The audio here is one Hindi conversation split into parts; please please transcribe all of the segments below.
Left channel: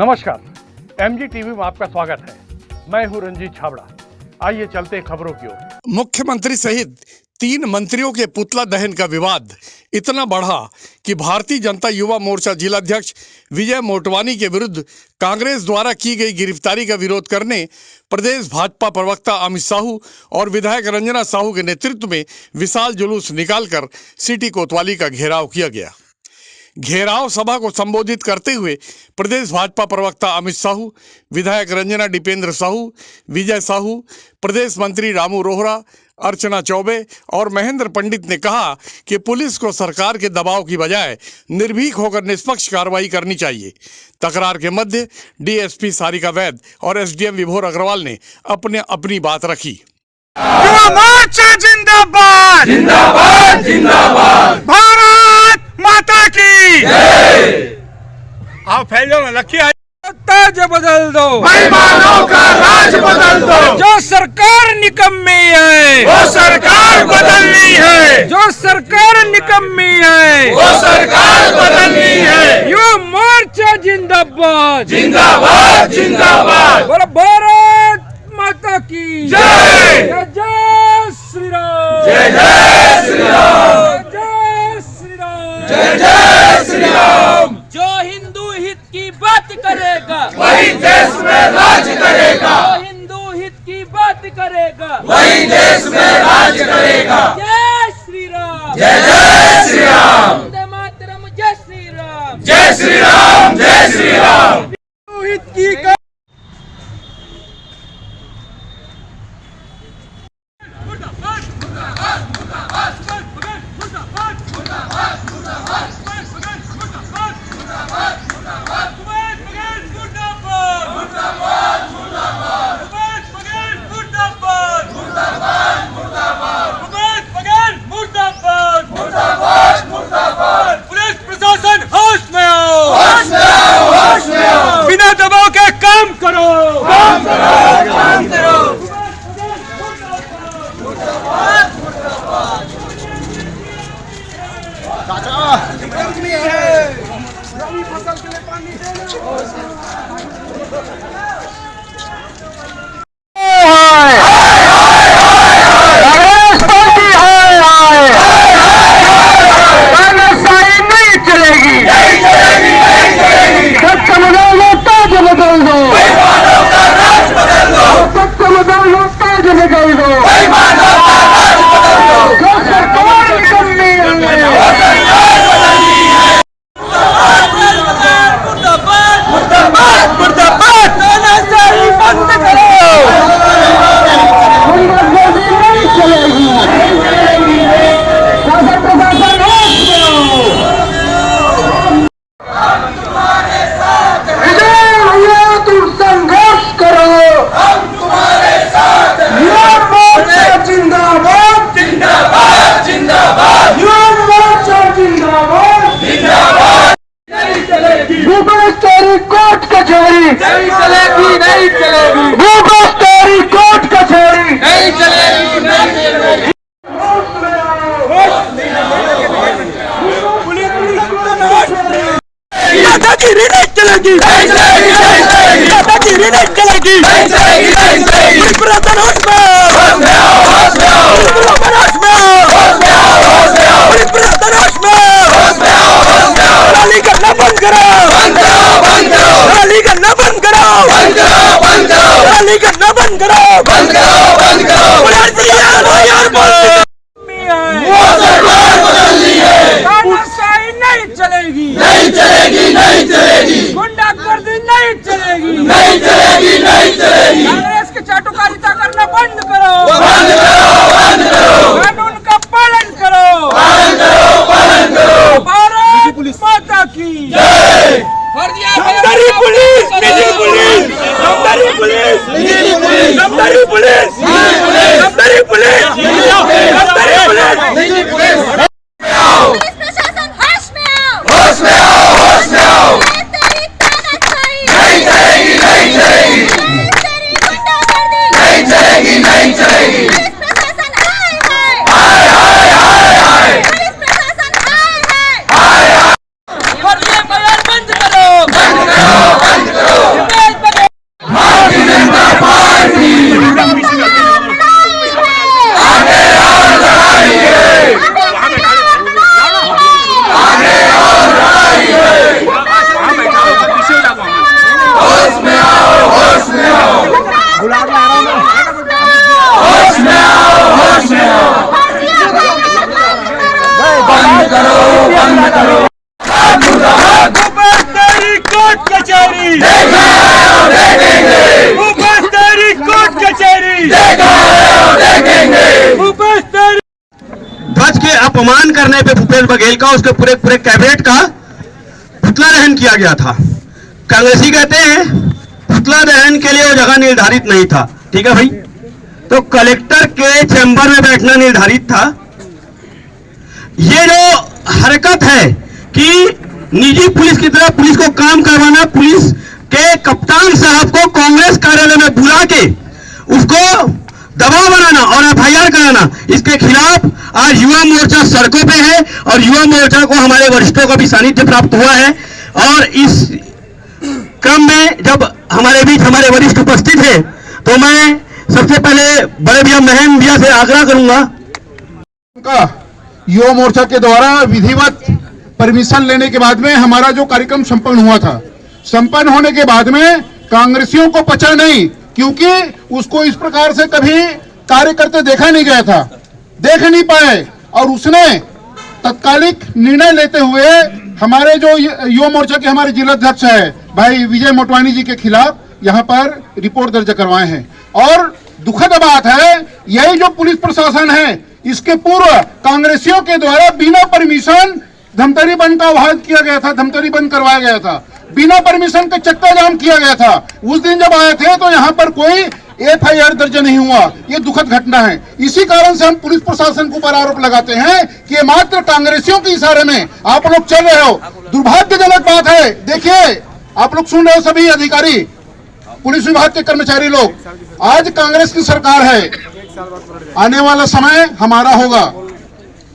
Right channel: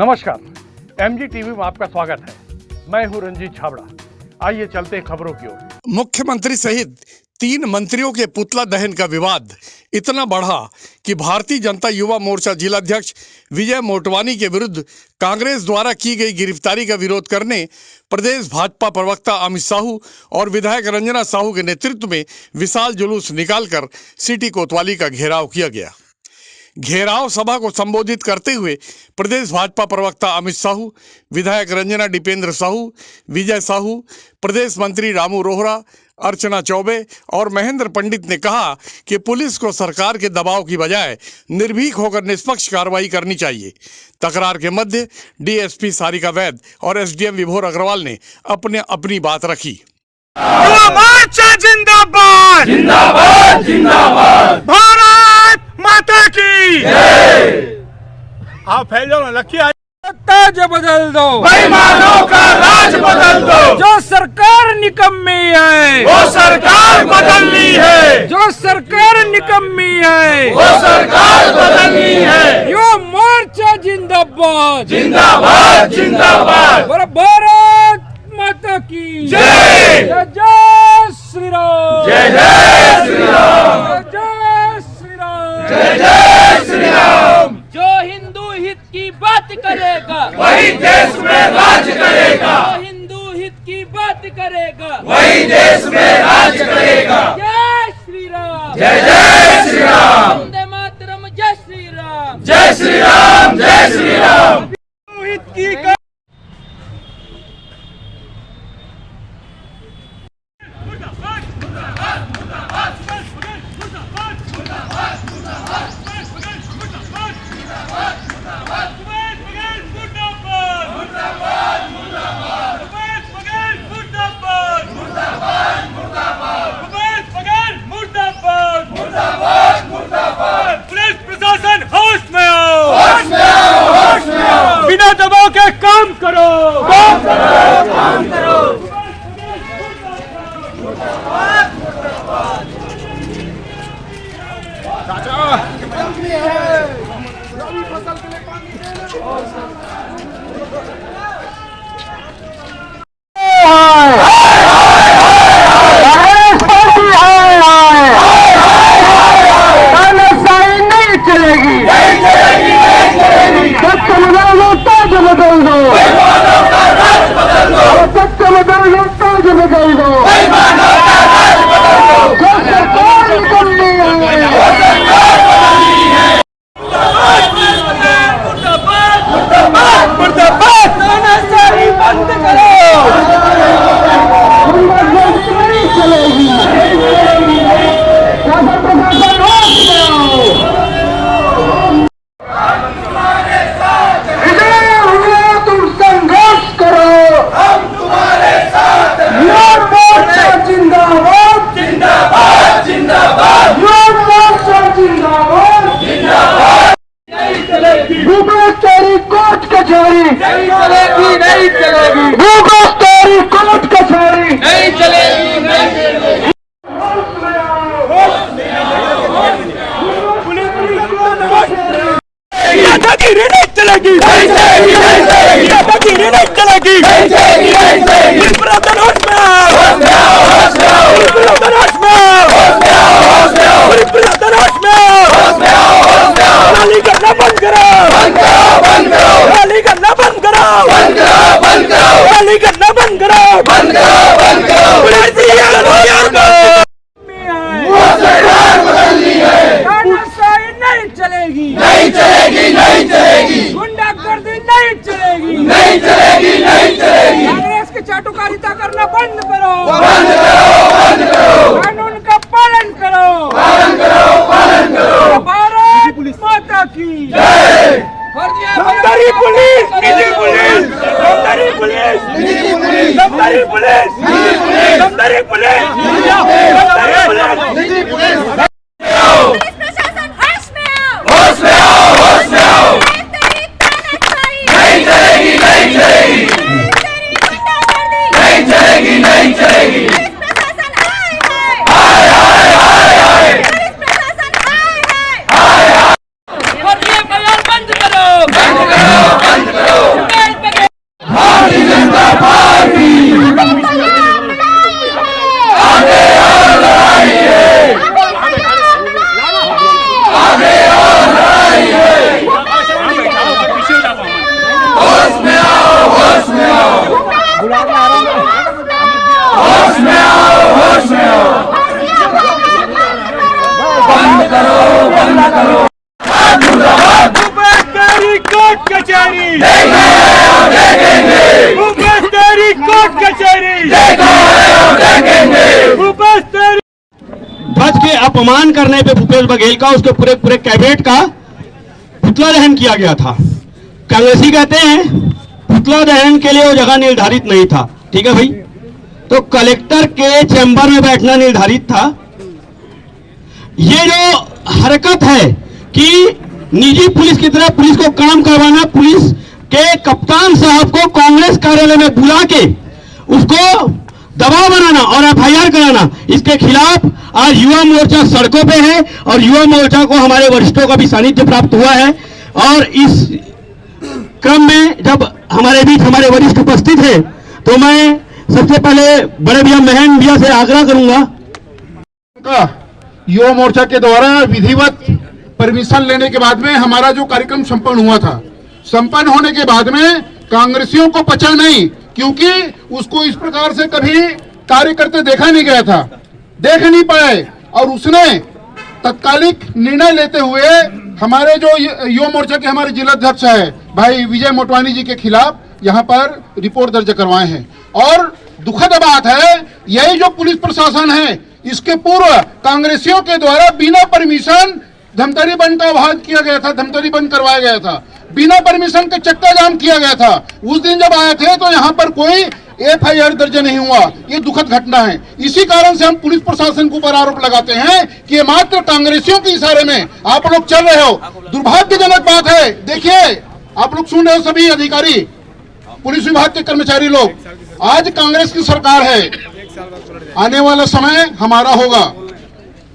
नमस्कार, एमजी टीवी में आपका स्वागत है। मैं हूं रंजीत छाबड़ा। आइए चलते हैं खबरों की ओर। मुख्यमंत्री सहित 3 मंत्रियों के पुतला दहन का विवाद इतना बढ़ा कि भारतीय जनता युवा मोर्चा जिलाध्यक्ष विजय मोटवानी के विरुद्ध कांग्रेस द्वारा की गई गिरफ्तारी का विरोध करने प्रदेश भाजपा प्रवक्ता अमित साहू और विधायक रंजना साहू के नेतृत्व में विशाल जुलूस निकालकर सिटी कोतवाली का घेराव किया गया। घेराव सभा को संबोधित करते हुए प्रदेश भाजपा प्रवक्ता अमित साहू, विधायक रंजना दीपेंद्र साहू, विजय साहू, प्रदेश मंत्री रामू रोहरा, अर्चना चौबे और महेंद्र पंडित ने कहा कि पुलिस को सरकार के दबाव की बजाय निर्भीक होकर निष्पक्ष कार्रवाई करनी चाहिए। तकरार के मध्य डीएसपी सारिका वैद और एसडीएम विभोर अग्रवाल ने अपनी बात रखी। युवा मोर्चा जिंदाबाद जिंदाबाद जिंदाबाद, भारत माता की आप फैलो लखिया ताज बदल दो, बेईमानों का राज बदल दो। जो सरकार निकम्मी है वो सरकार बदलनी है, जो सरकार निकम्मी है वो सरकार बदलनी है। युवा मोर्चा जिंदाबाद जिंदाबाद जिंदाबाद, बोलो भारत माता की जय। जय जय श्री राम, जय जय श्री राम, जय श्री राम, जय जय श्री राम। जो हिंदू हित की बात करेगा वही देश में राज करेगा, जो हिंदू हित की बात करेगा वही देश में राज करेगा। जय श्री राम, जय जय श्री राम, वंदे मातरम, जय श्री राम, जय श्री राम, जय श्री राम। हित की पुलिस प्रशासन होश में आओ, होश में आओ, होश में आओ। बिना दबाव के काम करो, काम करो, काम करो। कोर्ट कचहरी नहीं चलेगी, नहीं चलेगी, कोर्ट कचहरी नहीं चलेगी, नहीं चलेगी। दादागिरी नहीं चलेगी, नहीं चलेगी, नहीं चलेगी, दादागिरी नहीं चलेगी, नहीं चलेगी, नहीं चलेगी। पुलिस प्रशासन होश में आओ, होश में आओ, होश में आओ, पुलिस प्रशासन होश में आओ, होश में आओ, होश में आओ, पुलिस प्रशासन होश में आओ, होश में आओ, होश में आओ। रैली करना बंद करो, बंद करो, बंद करो, रैली करना बंद करो, बंद करो, बंद करो, रैली करना बंद करो, बंद करो, बंद करो। वो सरकार बदलनी है, तानाशाही नहीं चलेगी, नहीं चलेगी, नहीं चलेगी, गुंडागर्दी नहीं चलेगी, नहीं चलेगी, नहीं चलेगी। कांग्रेस की चाटुकारिता करना बंद करो, बंद करो, बंद करो, कानून का पालन करो, पालन करो, पालन करो। भारत माता की जय। समदारी पुलिस, निजी पुलिस, समदारी पुलिस, निजी पुलिस, समदारी पुलिस, समदारी पुलिस, समदारी पुलिस, निजी पुलिस। पुलिस प्रशासन होश में आओ, होश में आओ, होश में आओ। तेरी तानाशाही नहीं चलेगी, नहीं चलेगी, तेरी गुंडागर्दी नहीं चलेगी, नहीं चलेगी। पुलिस प्रशासन हाय हाय, हाय हाय हाय हाय, पुलिस प्रशासन हाय हाय। बंद करो, बंद करो, बंद करो। देखा है और देखेंगे। भूपेश तेरी ध्वज के अपमान करने पे भूपेश बघेल का, उसके पूरे पूरे कैबिनेट का पुतला दहन किया गया था। कांग्रेसी कहते हैं पुतला दहन के लिए वो जगह निर्धारित नहीं था। ठीक है भाई, तो कलेक्टर के चैम्बर में बैठना निर्धारित था। ये जो हरकत है कि निजी पुलिस की तरह पुलिस को काम करवाना, पुलिस के कप्तान साहब को कांग्रेस कार्यालय में बुला के उसको दबाव बनाना और एफआईआर कराना, इसके खिलाफ आज युवा मोर्चा सड़कों पे है और युवा मोर्चा को हमारे वरिष्ठों का भी सानिध्य प्राप्त हुआ है। और इस क्रम में जब हमारे बीच हमारे वरिष्ठ उपस्थित हैं, तो मैं सबसे पहले बड़े भैया महन भैया से आग्रह करूंगा का युवा मोर्चा के द्वारा विधिवत परमिशन लेने के बाद में हमारा जो कार्यक्रम संपन्न हुआ था, संपन्न होने के बाद में कांग्रेसियों को पचा नहीं, क्योंकि उसको इस प्रकार से कभी कार्य करते देखा नहीं गया था, देख नहीं पाए। और उसने तत्कालिक निर्णय लेते हुए हमारे जो युवा मोर्चा के हमारे जिलाध्यक्ष है भाई विजय मोटवानी जी के खिलाफ यहाँ पर रिपोर्ट दर्ज करवाए हैं। और दुखद बात है, यही जो पुलिस प्रशासन है, इसके पूर्व कांग्रेसियों के द्वारा बिना परमिशन धमतरी बंद का आह्वान किया गया था, धमतरी बंद करवाया गया था, बिना परमिशन के चक्का जाम किया गया था। उस दिन जब आए थे तो यहाँ पर कोई एफआईआर दर्ज नहीं हुआ। ये दुखद घटना है। इसी कारण से हम पुलिस प्रशासन के ऊपर आरोप लगाते हैं कि ये मात्र कांग्रेसियों के इशारे में आप लोग चल रहे हो। दुर्भाग्यजनक बात है। देखिए, आप लोग सुन रहे हो, सभी अधिकारी, पुलिस विभाग के कर्मचारी लोग, आज कांग्रेस की सरकार है, आने वाला समय हमारा होगा,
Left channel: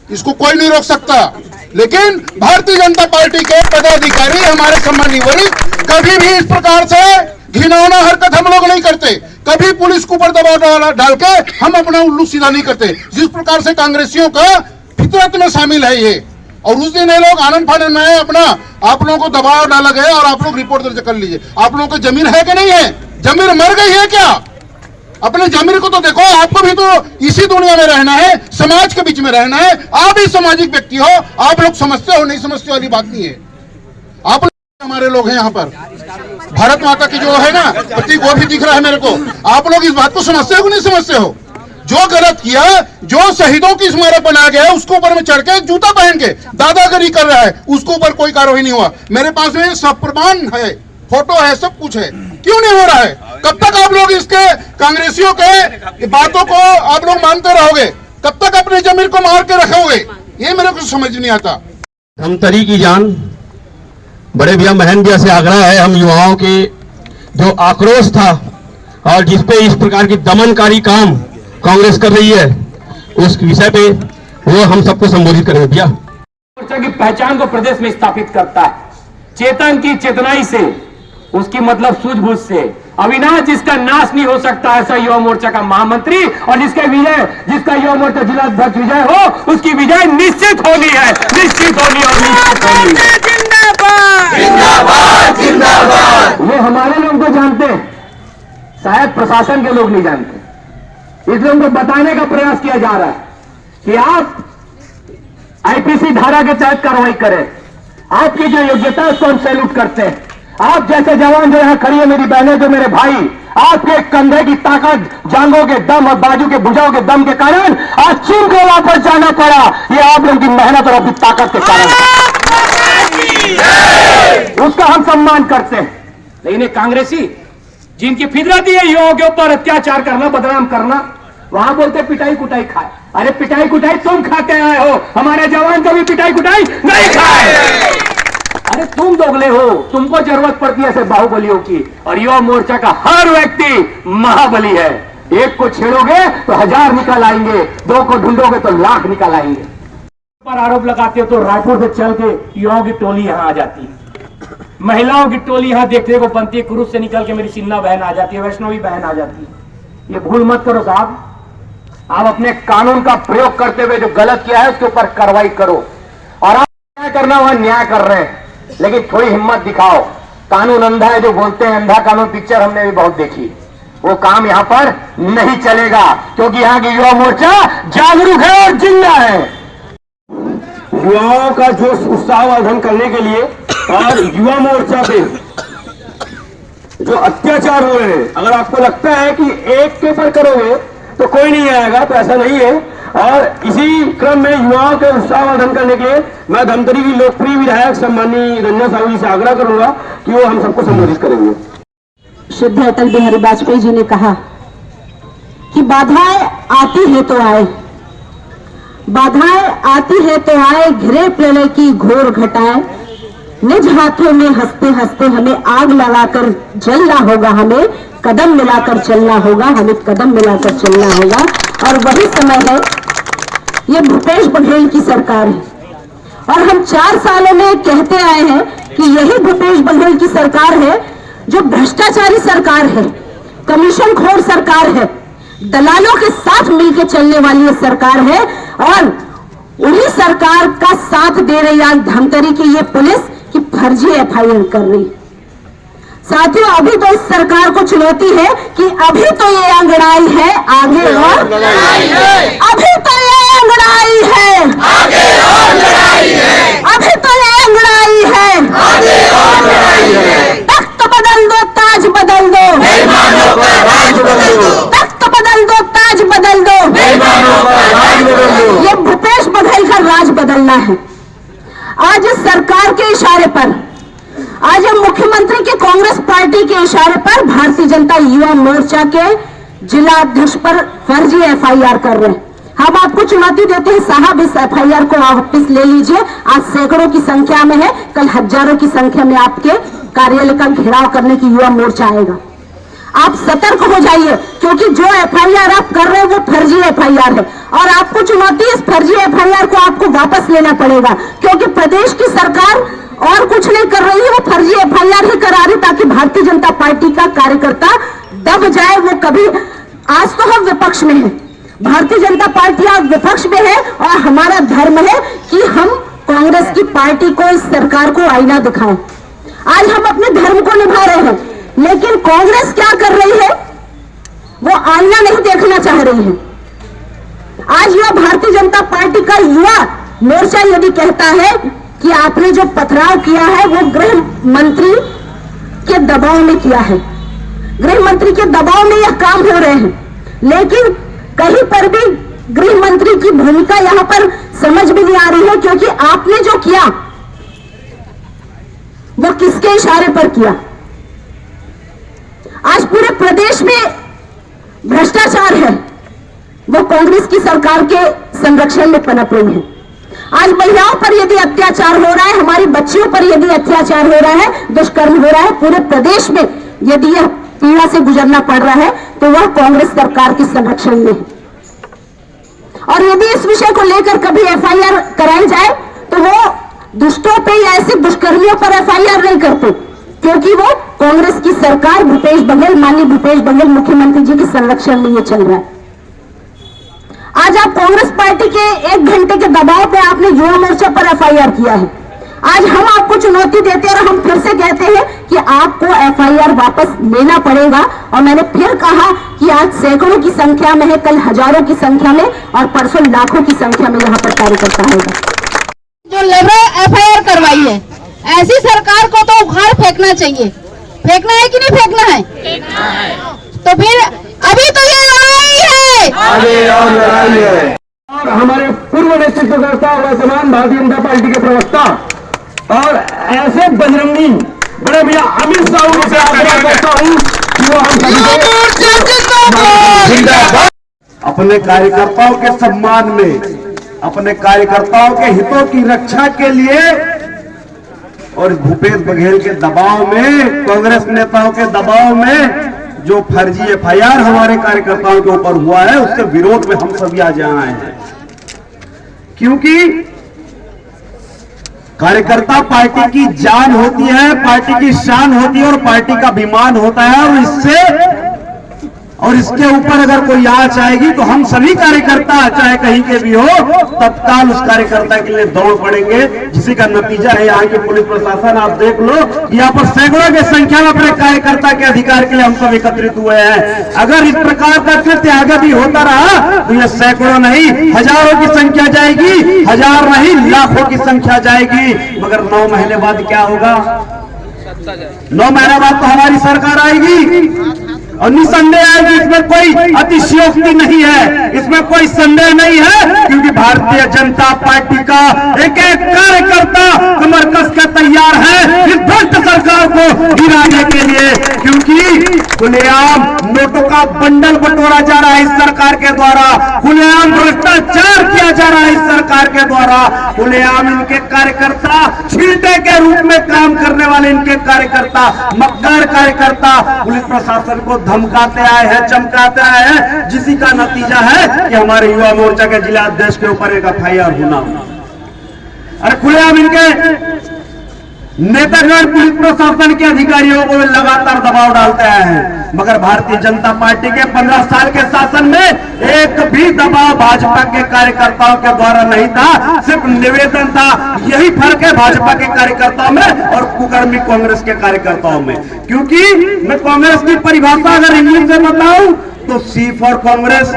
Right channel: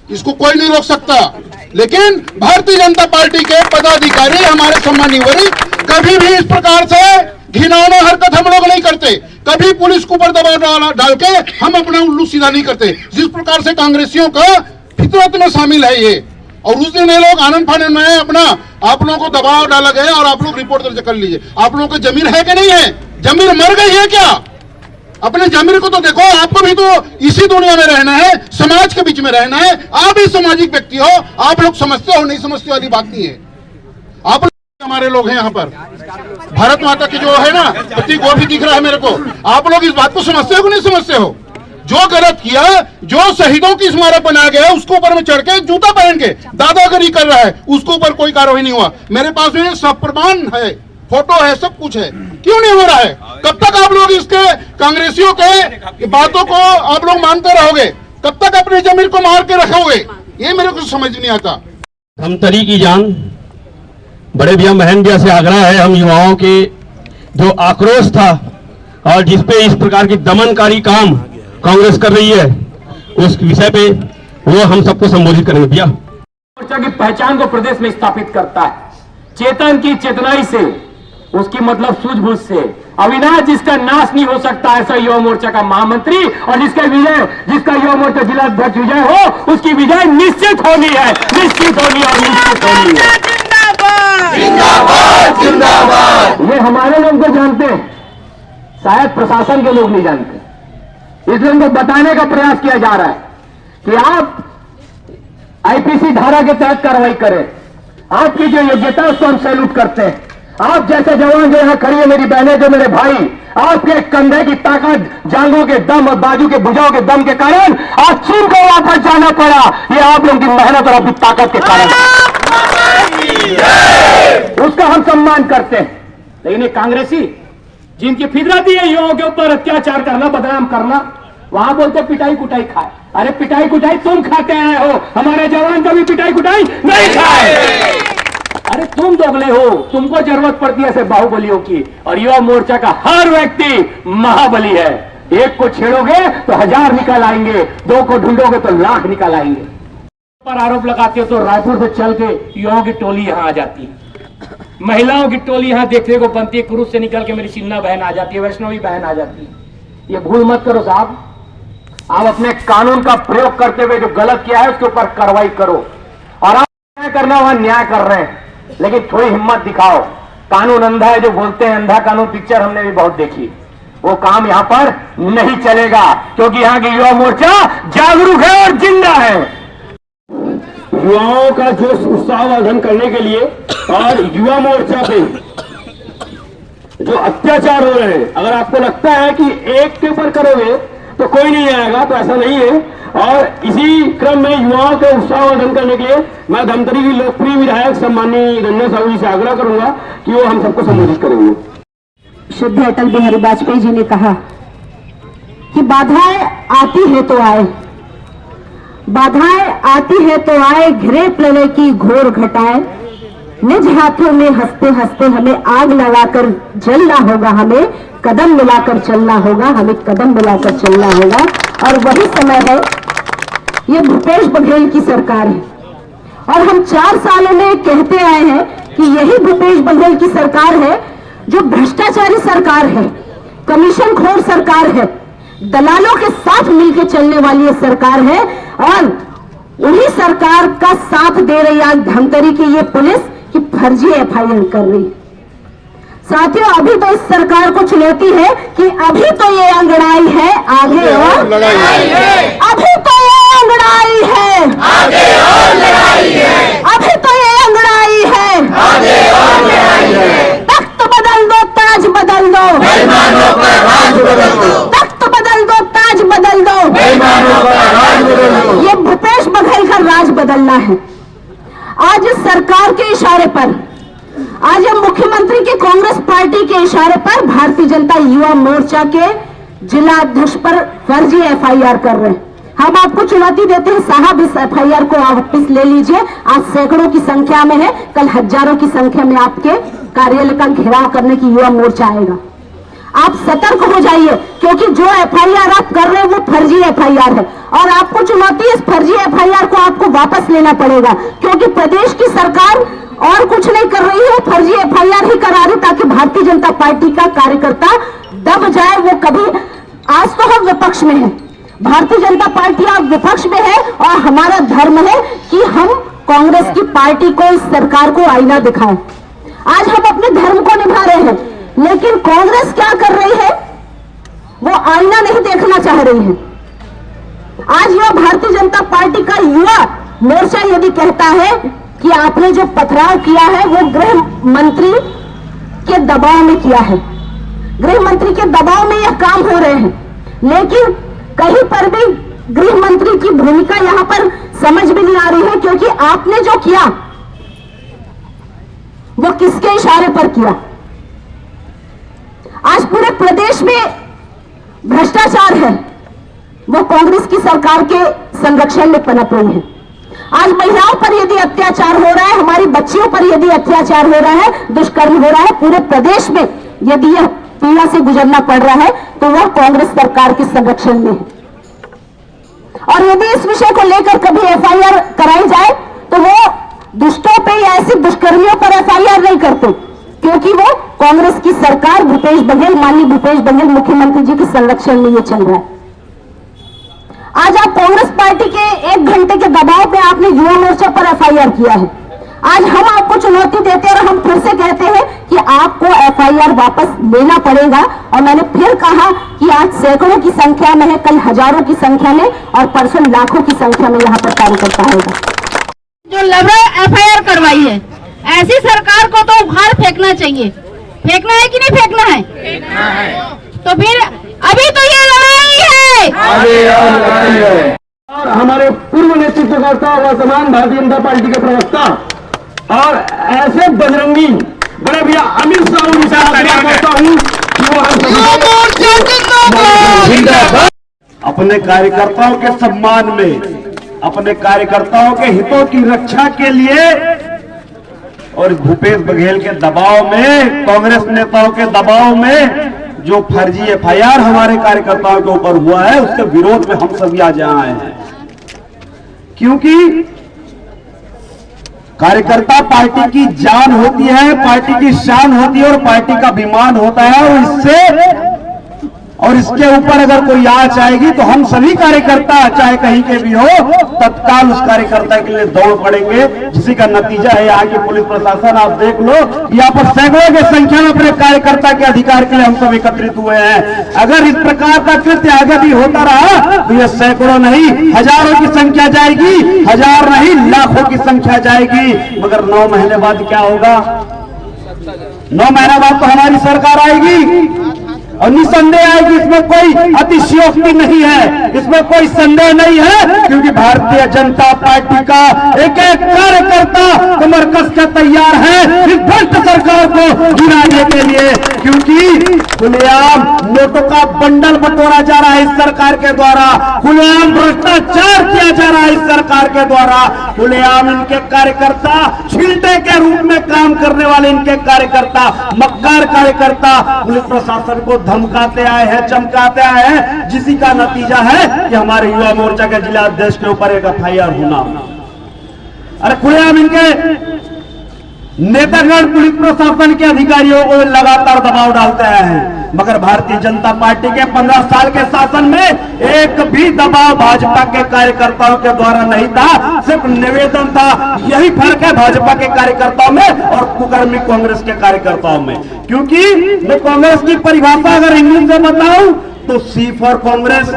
इसको कोई नहीं रोक सकता। लेकिन भारतीय जनता पार्टी के पदाधिकारी, हमारे सम्मानीय वरिष्ठ, कभी भी इस प्रकार से घिनौना हरकत हम लोग नहीं करते। कभी पुलिस के ऊपर दबाव डाल के हम अपना उल्लू सीधा नहीं करते, जिस प्रकार से कांग्रेसियों का फितरत में शामिल है ये। और उस दिन ये लोग आनंद फानंद में अपना आप लोगों को दबाव डाला गया और आप लोग रिपोर्ट दर्ज कर लीजिए। आप लोगों को जमीन है कि नहीं है? जमीन मर गई है क्या? अपने जमीन को तो देखो। आपको भी तो इसी दुनिया में रहना है, समाज के बीच में रहना है। आप ही सामाजिक व्यक्ति हो, आप लोग समझते हो नहीं समझते वाली बात नहीं है। आप हमारे लोग हैं यहाँ पर, भारत माता की जो है ना प्रतीक, वो भी दिख रहा है मेरे को। आप लोग इस बात को समझते हो कि नहीं समझते हो? जो गलत किया, जो शहीदों की स्मारक बनाया गया, उसके ऊपर में चढ़ के जूता पहन के दादागिरी कर रहा है, उसके ऊपर कोई कार्रवाई नहीं हुआ। मेरे पास में सब प्रमाण है, फोटो है, सब कुछ है। क्यों नहीं हो रहा है? कब तक आप लोग इसके कांग्रेसियों के बातों को आप लोग मानते रहोगे? कब तक अपनी जमीन को मार के रखोगे? ये मेरे को समझ नहीं आता। धमतरी की जान, बड़े भैया महन भैया से आग्रह है, हम युवाओं के जो आक्रोश था और जिसपे इस प्रकार की दमनकारी काम कांग्रेस कर रही है, उस विषय पे वो हम सबको संबोधित करेंगे। भैया, मोर्चा की पहचान को प्रदेश में स्थापित करता है, चेतन की चेतनाई से, उसकी मतलब सूझबूझ से। अविनाश जिसका नाश नहीं हो सकता, ऐसा युवा मोर्चा का महामंत्री, और जिसका युवा मोर्चा जिला अध्यक्ष विजय हो, उसकी विजय निश्चित होनी है, निश्चित होनी और निश्चित होनी है। जिंदाबाद जिंदाबाद। ये हमारे लोग तो जानते हैं, शायद प्रशासन के लोग नहीं जानते, इसलिए उनको बताने का प्रयास किया जा रहा है कि आप आईपीसी धारा के तहत कार्रवाई करें। आपकी जो योग्यता है उसको हम सैल्यूट करते हैं। आप जैसे जवान जो यहां खड़ी है, मेरी बहनें, जो मेरे भाई, आपके कंधे की ताकत, जांघों के दम और बाजू के भुजाओं के दम के कारण आज चीन को वापस जाना पड़ा, ये आप लोगों की मेहनत और अपनी ताकत के कारण, उसका हम सम्मान करते हैं। लेकिन ये कांग्रेसी जिनकी फितरत है युवाओं के ऊपर अत्याचार करना, बदनाम करना, वहां बोलते पिटाई कुटाई खाए। अरे पिटाई कुटाई तुम खाते आए हो, हमारे जवान कभी पिटाई कुटाई नहीं खाए। अरे तुम दोगले हो, तुमको जरूरत पड़ती है ऐसे बाहुबलियों की, और युवा मोर्चा का हर व्यक्ति महाबली है। एक को छेड़ोगे तो 1000 निकल आएंगे, 2 को ढूंढोगे तो लाख निकल आएंगे। पर आरोप लगाते हो तो रायपुर से चल के युवाओं की टोली यहां आ जाती है, महिलाओं की टोली यहां देखने को बनती है, कुरुस से निकल के मेरी चिन्ना बहन आ जाती है, वैष्णवी बहन आ जाती है। ये भूल मत करो साहब, आप अपने कानून का प्रयोग करते हुए जो गलत किया है उसके ऊपर कार्रवाई करो, और आप न्याय करना वहां न्याय कर रहे हैं, लेकिन थोड़ी हिम्मत दिखाओ। कानून अंधा है जो बोलते हैं, अंधा कानून पिक्चर हमने भी बहुत देखी, वो काम यहां पर नहीं चलेगा, क्योंकि यहां की युवा मोर्चा जागरूक है और जिंदा है। युवाओं का जोश उत्साहवर्धन करने के लिए और युवा मोर्चा पे जो अत्याचार हो रहे हैं, अगर आपको लगता है कि एक के ऊपर करोगे तो कोई नहीं आएगा, तो ऐसा नहीं है। और इसी क्रम में युवाओं के उत्साहवर्धन करने के लिए मैं धमतरी की लोकप्रिय विधायक सम्माननीय रंजना साहू जी से आग्रह करूंगा कि वो हम सबको संबोधित करेंगे। शुद्ध अटल बिहारी वाजपेयी जी ने कहा कि बाधाएं आती है तो आए, बाधाएं आती है तो आए, घिरे प्रलय की घोर घटाएं, निज हाथों में हंसते हंसते हमें आग लगाकर जलना होगा, हमें कदम मिलाकर चलना होगा, हमें कदम मिलाकर चलना होगा। और वही समय है, ये भूपेश बघेल की सरकार है और हम 4 सालों में कहते आए हैं कि यही भूपेश बघेल की सरकार है जो भ्रष्टाचारी सरकार है, कमीशन खोर सरकार है, दलालों के साथ मिलकर चलने वाली ये सरकार है। और उन्हीं सरकार का साथ दे रही आज धमतरी की ये पुलिस की फर्जी एफआईआर कर रही। साथियों, अभी तो इस सरकार को चुनौती है कि अभी तो ये अंगड़ाई है, आगे और लड़ाई है। अभी तो ये अंगड़ाई है, आगे और लड़ाई है। अभी तो ये अंगड़ाई है, आगे और लड़ाई है। तख्त बदल दो, ताज बदल दो, बेईमानों का राज बदल दो। तख्त बदल दो, ताज बदल दो, बेईमानों का राज बदल दो। ये भूपेश बघेल का राज बदलना है। आज इस सरकार के इशारे पर, आज हम मुख्यमंत्री के कांग्रेस पार्टी के इशारे पर भारतीय जनता युवा मोर्चा के जिला अध्यक्ष पर फर्जी एफआईआर कर रहे हैं। हम आपको चुनौती देते हैं, साहब इस एफआईआर को वापस ले लीजिए। आज सैकड़ों की संख्या में है, कल हजारों की संख्या में आपके कार्यालय का घेराव करने की युवा मोर्चा आएगा। आप सतर्क हो जाइए, क्योंकि जो एफआईआर आप कर रहे हैं वो फर्जी एफआईआर है और आपको चुनौती, इस फर्जी एफआईआर को आपको वापस लेना पड़ेगा, क्योंकि प्रदेश की सरकार और कुछ नहीं कर रही है, वो फर्जी एफआईआर ही करा रही ताकि भारतीय जनता पार्टी का कार्यकर्ता दब जाए। वो कभी, आज तो हम विपक्ष में हैं, भारतीय जनता पार्टी अब विपक्ष में है और हमारा धर्म है कि हम कांग्रेस की पार्टी को, इस सरकार को आईना दिखाएं। आज हम अपने धर्म को निभा रहे हैं, लेकिन कांग्रेस क्या कर रही है, वो आईना नहीं देखना चाह रही है। आज यह भारतीय जनता पार्टी का युवा मोर्चा यदि कहता है कि आपने जो पथराव किया है वो गृह मंत्री के दबाव में किया है, गृह मंत्री के दबाव में यह काम हो रहे हैं, लेकिन कहीं पर भी गृह मंत्री की भूमिका यहां पर समझ भी नहीं आ रही है, क्योंकि आपने जो किया वो किसके इशारे पर किया। आज पूरे प्रदेश में भ्रष्टाचार है, वो कांग्रेस की सरकार के संरक्षण में पनप रही है। आज महिलाओं पर यदि अत्याचार हो रहा है, हमारी बच्चियों पर यदि अत्याचार हो रहा है, दुष्कर्म हो रहा है, पूरे प्रदेश में यदि यह पीड़ा से गुजरना पड़ रहा है, तो वह कांग्रेस सरकार के संरक्षण में है। और यदि इस विषय को लेकर कभी एफआईआर कराई जाए तो वो दुष्टों पे या ऐसे दुष्कर्मियों पर एफआईआर नहीं करते, क्योंकि वो कांग्रेस की सरकार, भूपेश बघेल, माननीय भूपेश बघेल मुख्यमंत्री जी के संरक्षण में ये चल रहा है। आज आप कांग्रेस पार्टी के 1 घंटे के दबाव पे आपने युवा मोर्चा पर एफआईआर किया है। आज हम आपको चुनौती देते हैं और हम फिर से कहते हैं कि आपको एफआईआर वापस लेना पड़ेगा। और मैंने फिर कहा कि आज सैकड़ों की संख्या में है, कल हजारों की संख्या में और परसों लाखों की संख्या में यहाँ पर कार्यकर्ता होगा। जो लबड़ा एफआईआर करवाई है, ऐसी सरकार को तो उखाड़ फेंकना चाहिए। फेंकना है कि नहीं फेंकना है? फेंकना है। तो फिर अभी तो ये लड़ाई है, आगे और लड़ाई है। और हमारे पूर्व नेतृत्वकर्ता वर्तमान भारतीय जनता पार्टी के प्रवक्ता और ऐसे बजरंगी बड़े भैया अमित शाह जी से आग्रह करता हूँ कि वो हम सभी अपने कार्यकर्ताओं के सम्मान में, अपने कार्यकर्ताओं के हितों की रक्षा के लिए और भूपेश बघेल के दबाव में, कांग्रेस नेताओं के दबाव में जो फर्जी एफआईआर हमारे कार्यकर्ताओं के ऊपर हुआ है, उसके विरोध में हम सभी आज आए हैं। क्योंकि कार्यकर्ता पार्टी की जान होती है, पार्टी की शान होती है और पार्टी का अभिमान होता है। और इसके ऊपर अगर कोई आंच आएगी तो हम सभी कार्यकर्ता, चाहे कहीं के भी हो, तत्काल उस कार्यकर्ता के लिए दौड़ पड़ेंगे, जिसी का नतीजा है यहाँ की पुलिस प्रशासन। आप देख लो, यहाँ पर सैकड़ों की संख्या में अपने कार्यकर्ता के अधिकार के लिए हम सब एकत्रित हुए हैं। अगर इस प्रकार का कृत्य आगे भी होता रहा तो यह सैकड़ों नहीं, हजारों की संख्या जाएगी, हजार नहीं लाखों की संख्या जाएगी। मगर 9 महीने बाद क्या होगा? 9 महीना बाद तो हमारी सरकार आएगी और निसंदेह आएगी, इसमें कोई अतिशयोक्ति नहीं है, इसमें कोई संदेह नहीं है, क्योंकि भारतीय जनता पार्टी का एक एक कार्यकर्ता कमर कस के तैयार है इस भ्रष्ट सरकार को गिराने के लिए, क्योंकि खुलेआम नोटों का बंडल बटोरा जा रहा है इस सरकार के द्वारा, खुलेआम भ्रष्टाचार किया जा रहा है इस सरकार के द्वारा, खुलेआम इनके कार्यकर्ता छिलटे के रूप में काम करने वाले इनके कार्यकर्ता, मक्कार कार्यकर्ता पुलिस प्रशासन को धमकाते आए हैं, चमकाते आए हैं, जिसी का नतीजा है कि हमारे युवा मोर्चा के जिला अध्यक्ष के ऊपर एक FIR होना। अरे खुलेआम इनके नेतागण पुलिस प्रशासन के अधिकारियों को लगातार दबाव डालते आए हैं, मगर भारतीय जनता पार्टी के 15 साल के शासन में एक भी दबाव भाजपा के कार्यकर्ताओं के द्वारा नहीं था, सिर्फ निवेदन था। यही फर्क है भाजपा के कार्यकर्ताओं में और कुकर्मी कांग्रेस के कार्यकर्ताओं में, क्योंकि मैं कांग्रेस की परिभाषा अगर इंग्लिश में बताऊं तो C for Congress,